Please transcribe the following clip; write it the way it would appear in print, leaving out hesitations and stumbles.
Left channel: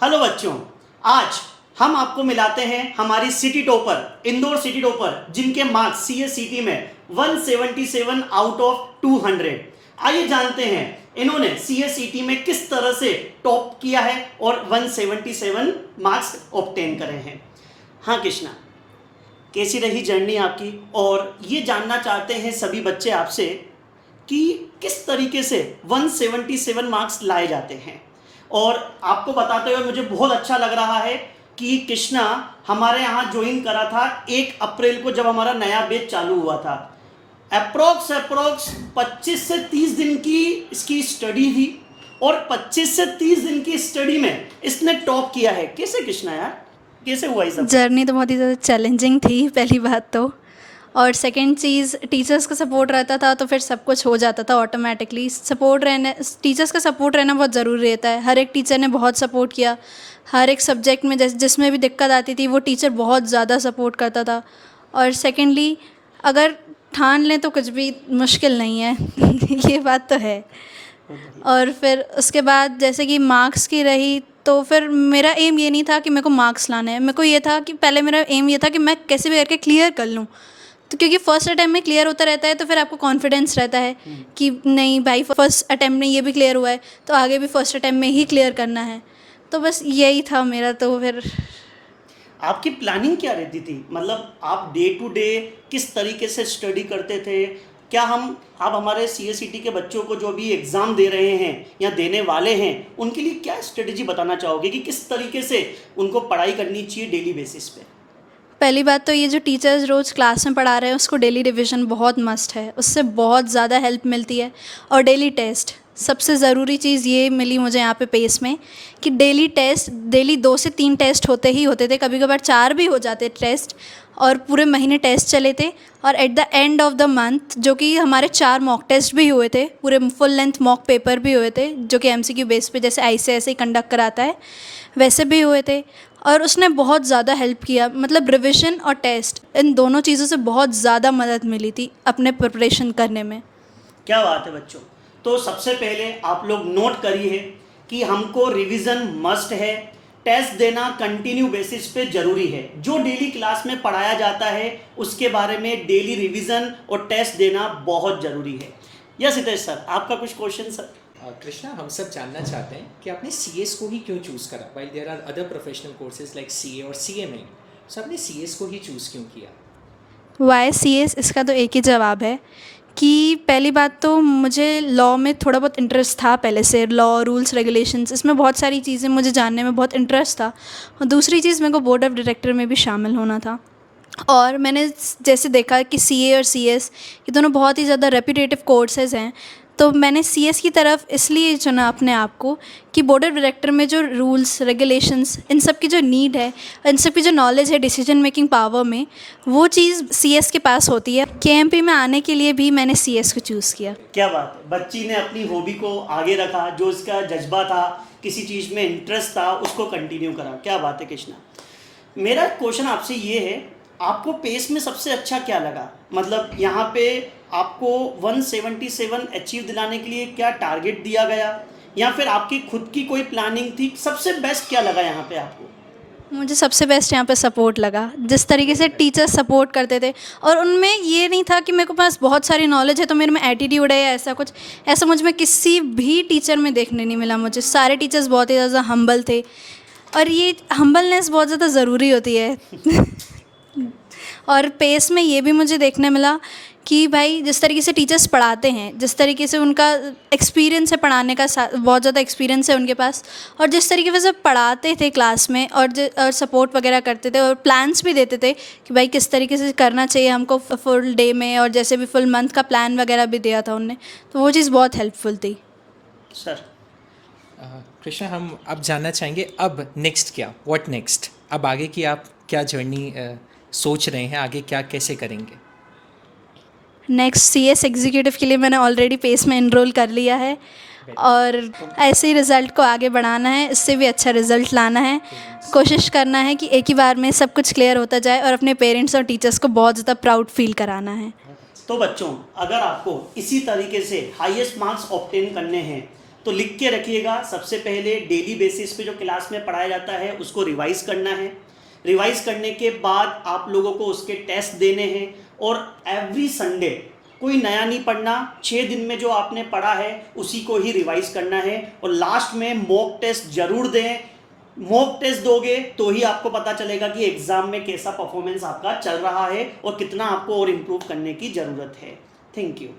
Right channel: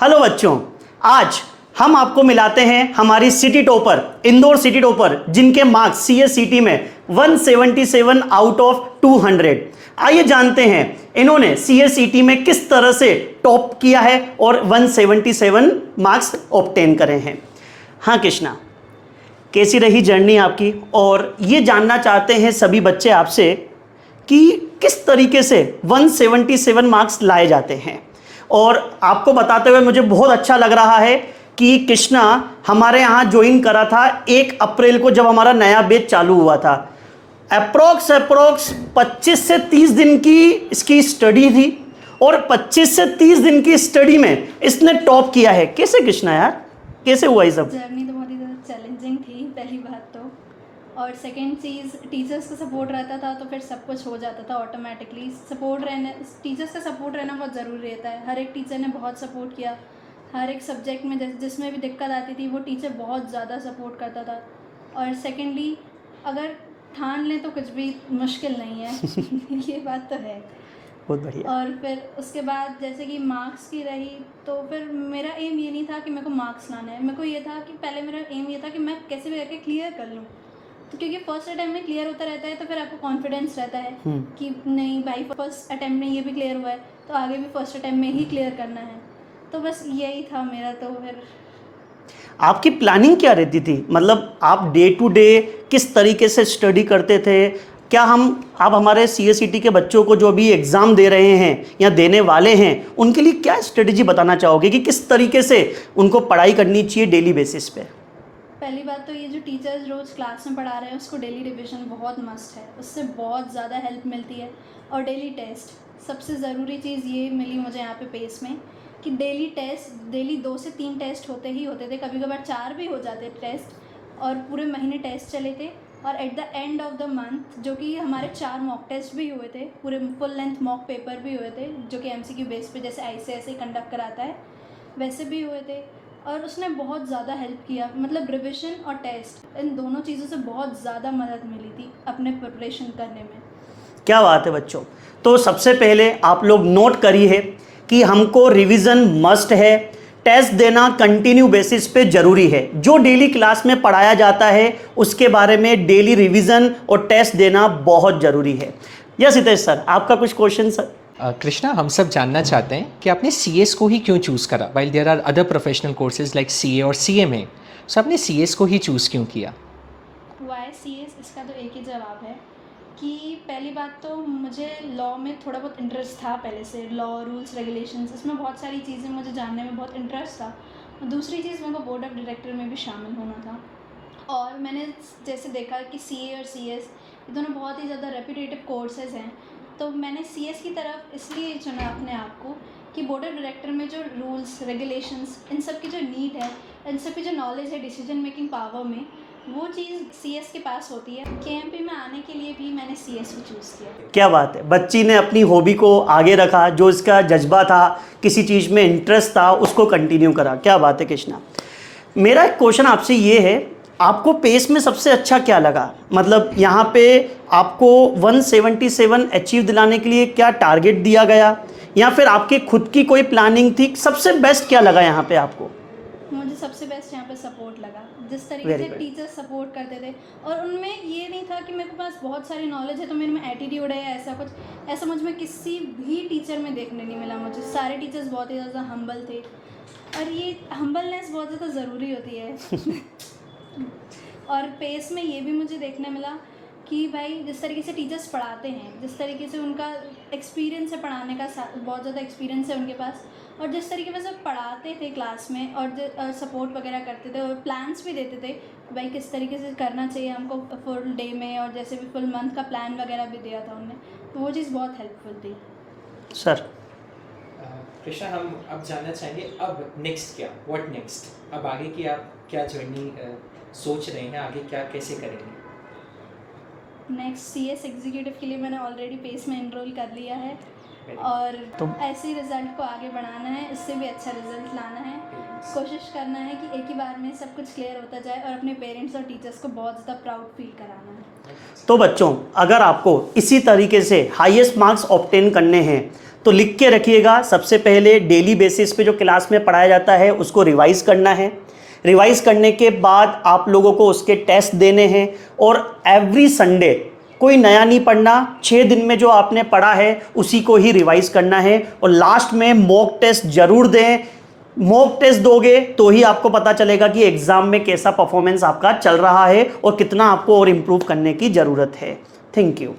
Hello बच्चों, आज हम आपको मिलाते हैं हमारी city topper, Indore city topper, जिनके मार्क्स सीएससीटी में 177 आउट ऑफ 200। आइए जानते हैं इन्होंने सीएससीटी में किस तरह से टॉप किया है और 177 मार्क्स ऑब्टेन करे हैं। हाँ कृष्णा, कैसी रही जर्नी आपकी? और ये जानना चाहते हैं सभी बच्चे आपसे कि किस तरीके से 177 मार्क्स लाए जाते हैं। और आपको बताते हुए मुझे बहुत अच्छा लग रहा है कि कृष्णा हमारे यहाँ ज्वाइन करा था 1 अप्रैल को, जब हमारा नया बैच चालू हुआ था। अप्रोक्स 25 से 30 दिन की इसकी स्टडी थी और 25 से 30 दिन की स्टडी में इसने टॉप किया है। कैसे कृष्णा यार, कैसे हुआ ये सब? जर्नी तो बहुत ही ज़्यादा चैलेंजिंग थी पहली बात तो, और सेकंड चीज़ टीचर्स का सपोर्ट रहता था तो फिर सब कुछ हो जाता था ऑटोमेटिकली। टीचर्स का सपोर्ट रहना बहुत ज़रूरी रहता है। हर एक टीचर ने बहुत सपोर्ट किया, हर एक सब्जेक्ट में जिसमें भी दिक्कत आती थी वो टीचर बहुत ज़्यादा सपोर्ट करता था। और सेकेंडली अगर ठान लें तो कुछ भी मुश्किल नहीं है ये बात तो है। और फिर उसके बाद जैसे कि मार्क्स की रही तो फिर मेरा एम ये नहीं था कि मेरे को मार्क्स लाना है, मेरे को ये था कि पहले मेरा एम ये था कि मैं कैसे भी करके क्लियर कर लूँ। तो क्योंकि फर्स्ट अटैम्प्ट में क्लियर होता रहता है तो फिर आपको कॉन्फिडेंस रहता है कि नहीं भाई फर्स्ट अटैम्प्ट में ये भी क्लियर हुआ है तो आगे भी फर्स्ट अटैम्प्ट में ही क्लियर करना है। तो बस यही था मेरा। तो फिर आपकी प्लानिंग क्या रहती थी? मतलब आप डे टू डे किस तरीके से स्टडी करते थे? क्या आप हमारे सीएससीटी के बच्चों को जो अभी एग्ज़ाम दे रहे हैं या देने वाले हैं उनके लिए क्या स्ट्रेटजी बताना चाहोगे कि किस तरीके से उनको पढ़ाई करनी चाहिए डेली बेसिस पे? पहली बात तो ये जो टीचर्स रोज़ क्लास में पढ़ा रहे हैं उसको डेली रिवीजन बहुत मस्ट है, उससे बहुत ज़्यादा हेल्प मिलती है। और डेली टेस्ट सबसे ज़रूरी चीज़ ये मिली मुझे यहाँ पे पेस में कि डेली 2 से 3 टेस्ट होते ही होते थे, कभी कभार 4 भी हो जाते टेस्ट। और पूरे महीने टेस्ट चले थे और at the end of the month जो कि हमारे 4 मॉक टेस्ट भी हुए थे, पूरे फुल लेंथ मॉक पेपर भी हुए थे जो कि एमसीक्यू बेस पे जैसे आईसीएसई कंडक्ट कराता है वैसे भी हुए थे। और उसने बहुत ज़्यादा हेल्प किया, मतलब रिविज़न और टेस्ट इन दोनों चीज़ों से बहुत ज़्यादा मदद मिली थी अपने प्रिपरेशन करने में। क्या बात है बच्चों। तो सबसे पहले आप लोग नोट करिए कि हमको रिवीजन मस्ट है, टेस्ट देना कंटिन्यू बेसिस पे ज़रूरी है। जो डेली क्लास में पढ़ाया जाता है उसके बारे में डेली रिवीजन और टेस्ट देना बहुत ज़रूरी है। यस हितेश सर, आपका कुछ क्वेश्चन सर? कृष्णा, हम सब जानना चाहते हैं कि आपने सीएस को ही क्यों चूज़ करा? While there are other professional courses like CA और सीएमए, सो आपने सीएस को ही चूज़ क्यों किया? वाई सीएस, इसका तो एक ही जवाब है कि पहली बात तो मुझे लॉ में थोड़ा बहुत इंटरेस्ट था पहले से। लॉ, रूल्स, रेगुलेशंस, इसमें बहुत सारी चीज़ें मुझे जानने में बहुत इंटरेस्ट था। और दूसरी चीज़, मेरे को बोर्ड ऑफ डायरेक्टर में भी शामिल होना था। और मैंने जैसे देखा कि सीए और सीएस ये दोनों बहुत ही ज़्यादा रेप्यूटेटिव कोर्सेज़ हैं, तो मैंने सीएस की तरफ इसलिए चुना अपने आप को कि बोर्ड ऑफ डायरेक्टर में जो रूल्स, रेगुलेशंस, इन सब की जो नीड है, इन सब की जो नॉलेज है डिसीजन मेकिंग पावर में, वो चीज़ सीएस के पास होती है। केएमपी में आने के लिए भी मैंने सीएस को चूज़ किया। क्या बात है, बच्ची ने अपनी हॉबी को आगे रखा, जो इसका जज्बा था, किसी चीज़ में इंटरेस्ट था, उसको कंटिन्यू करा। क्या बात है कृष्णा। मेरा एक क्वेश्चन आपसे ये है, आपको पेस में सबसे अच्छा क्या लगा? मतलब यहाँ पे आपको 177 अचीव दिलाने के लिए क्या टारगेट दिया गया या फिर आपके खुद की कोई प्लानिंग थी? सबसे बेस्ट क्या लगा यहाँ पे आपको? मुझे सबसे बेस्ट यहाँ पे सपोर्ट लगा, जिस तरीके से टीचर्स सपोर्ट करते थे। और उनमें ये नहीं था कि मेरे पास बहुत सारी नॉलेज है तो मेरे में एटीट्यूड है या ऐसा कुछ, ऐसा मुझ में किसी भी टीचर में देखने नहीं मिला। मुझे सारे टीचर्स बहुत ही ज़्यादा हम्बल थे और ये हम्बलनेस बहुत ज़्यादा ज़रूरी होती है और पेस में ये भी मुझे देखने मिला कि भाई जिस तरीके से टीचर्स पढ़ाते हैं, जिस तरीके से उनका एक्सपीरियंस है पढ़ाने का, बहुत ज़्यादा एक्सपीरियंस है उनके पास, और जिस तरीके से पढ़ाते थे क्लास में और सपोर्ट वगैरह करते थे और प्लान्स भी देते थे कि भाई किस तरीके से करना चाहिए हमको फुल डे में, और जैसे भी फुल मंथ का प्लान वगैरह भी दिया था उनने, तो वो चीज़ बहुत हेल्पफुल थी। सर कृष्णा, हम अब जानना चाहेंगे अब नेक्स्ट क्या, व्हाट नेक्स्ट? अब आगे की आप क्या जर्नी सोच रहे हैं, आगे क्या कैसे करेंगे? नेक्स्ट सीएस एग्जीक्यूटिव के लिए मैंने ऑलरेडी पेस में एनरोल कर लिया है और ऐसे ही रिज़ल्ट को आगे बढ़ाना है, इससे भी अच्छा रिज़ल्ट लाना है। कोशिश करना है कि एक ही बार में सब कुछ क्लियर होता जाए और अपने पेरेंट्स और टीचर्स को बहुत ज़्यादा प्राउड फील कराना है। तो बच्चों, अगर आपको इसी तरीके से हाईएस्ट मार्क्स ऑब्टेन करने हैं तो लिख के रखिएगा, सबसे पहले डेली बेसिस पे जो क्लास में पढ़ाया जाता है उसको रिवाइज करना है। रिवाइज करने के बाद आप लोगों को उसके टेस्ट देने हैं और एवरी संडे कोई नया नहीं पढ़ना, 6 दिन में जो आपने पढ़ा है उसी को ही रिवाइज करना है। और लास्ट में मॉक टेस्ट जरूर दें। मॉक टेस्ट दोगे तो ही आपको पता चलेगा कि एग्जाम में कैसा परफॉर्मेंस आपका चल रहा है और कितना आपको और इम्प्रूव करने की ज़रूरत है। Thank you.